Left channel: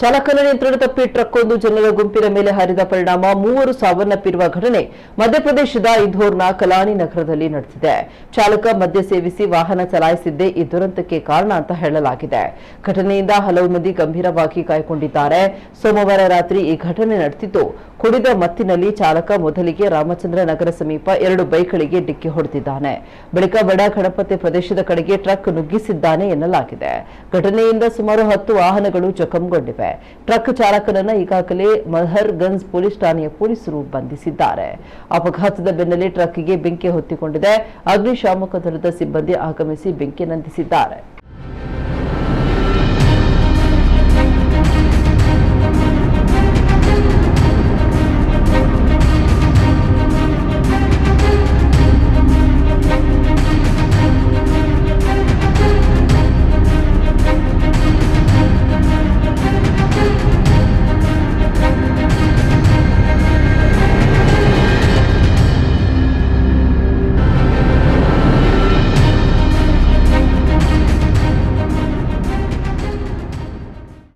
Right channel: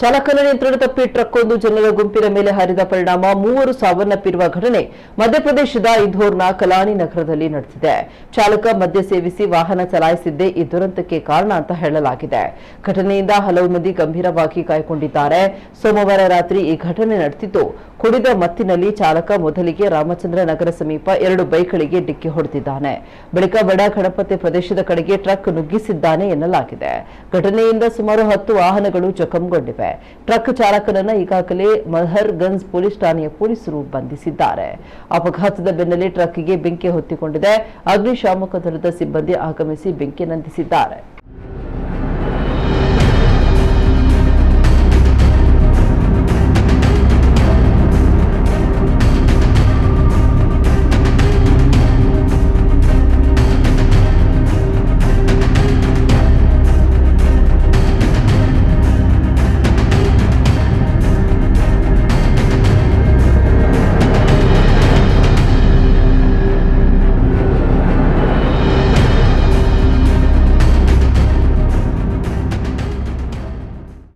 ಚಾಲಕನ ನಿಯಂತ್ರಣ ತಪ್ಪಿ ಟ್ರಕ್ ಒಂದು ಜನರ ಗುಂಪಿನ ಮೇಲೆ ಹರಿದ ಪರಿಣಾಮ 3 ಸಾವನ್ನಪ್ಪಿರುವ ಘಟನೆ ಮಧ್ಯಪ್ರದೇಶದ ಇಂಧೋರ್ನ ಕಲಾನಿ ನಗರದಲ್ಲಿ ನಡೆದಿದೆ. ಚಾಲಕ ಮದ್ಯ ಸೇವಿಸಿ ವಾಹನ ಚಲಾಯಿಸಿದ್ದೇ ಈ ದುರಂತಕ್ಕೆ ಕಾರಣ ಅಂತ ಹೇಳಲಾಗಿದೆ. ಘಟನೆಯಿಂದ ಹಲವು ಮಂದಿ ಗಂಭೀರವಾಗಿ ಗಾಯಗೊಂಡಿದ್ದಾರೆ. ಸೋಮವಾರ ರಾತ್ರಿ ಈ ಘಟನೆ ನಡೆದಿದ್ದು, ಕುಡಿದ ಮತ್ತಿನಲ್ಲಿ ಚಾಲಕ ಮೊದಲಿಗೆ ರಾಮಚಂದ್ರ ನಗರ ಸಮೀಪ 2 ಬೈಕ್ಗಳಿಗೆ ಡಿಕ್ಕಿ ಹೊಡೆದಿದ್ದಾನೆ. ಬಳಿಕ ಬಡ ಗಣಪತಿ ಪ್ರದೇಶದ ಕಡೆಗೆ ಟ್ರಕ್ ನುಗ್ಗಿಸಿದ್ದಾನೆ ಎನ್ನಲಾಗಿದೆ. ಘಟನೆಯಿಂದ ಸುಮಾರು 10 ವಾಹನಗಳು ಜಖಂಗೊಂಡಿವೆ. ಟ್ರಕ್ ಚಾಲಕನನ್ನ ಈಗಾಗಲೇ ಮಲ್ಹರ್ಗಂಜ್ ಪೊಲೀಸ್ ಠಾಣೆಯ ಪೊಲೀಸರು ಬಂಧಿಸಿದ್ದಾರೆ. ಅಪಘಾತದ ಬೆನ್ನಲ್ಲೇ ಟ್ರಕ್ಗೆ ಬೆಂಕಿ ಹೊತ್ತಿಕೊಂಡಿದೆ. ಅಗ್ನಿಶಾಮಕ ದಳದ ಸಿಬ್ಬಂದಿ ಆಗಮಿಸಿ ಬೆಂಕಿ ನಂದಿಸಿದ್ದಾರೆ.